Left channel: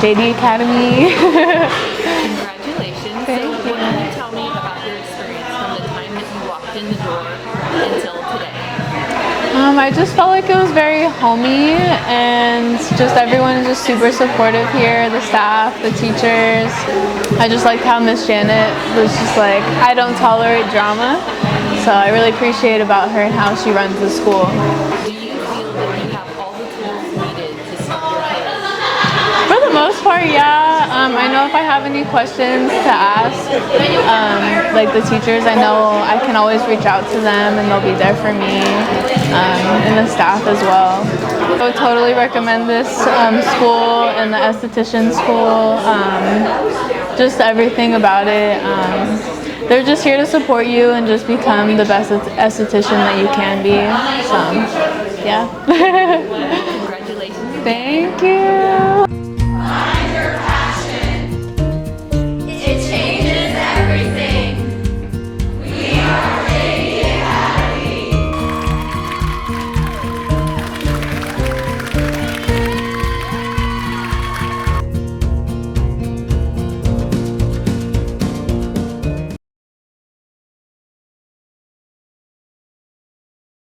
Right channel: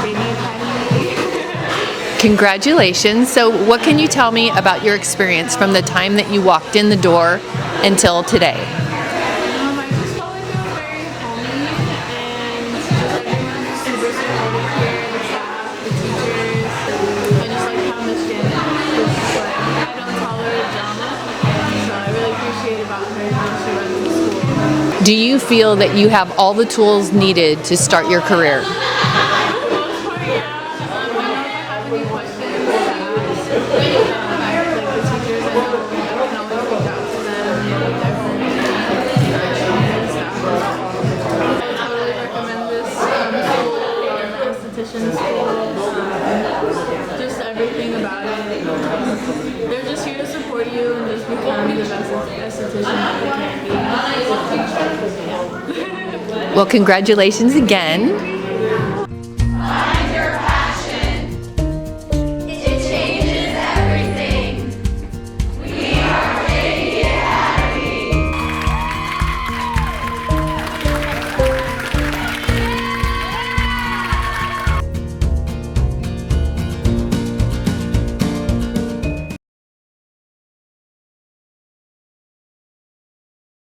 JD Academy. Congratulations. So what can you tell me about your experience from the time that you walked in the door until today? I just felt like it was very homey, and just everyone is just super supportive here, the staff, the teachers. I just like how Miss Janet was just like, I don't tolerate drama, so I really appreciate about her and how she runs the school. Do you feel that you have all the tools needed to start your career? For the most part, yeah. I know if I have any questions to ask, like the teachers, I know I can always reach out to them and they'll be there for me, and the staff as well. I would totally recommend this school and the esthetician school, just everything about it. They're just here to support you and just become the best esthetician that you can be. So, yeah. Well, congratulations again. Thank you.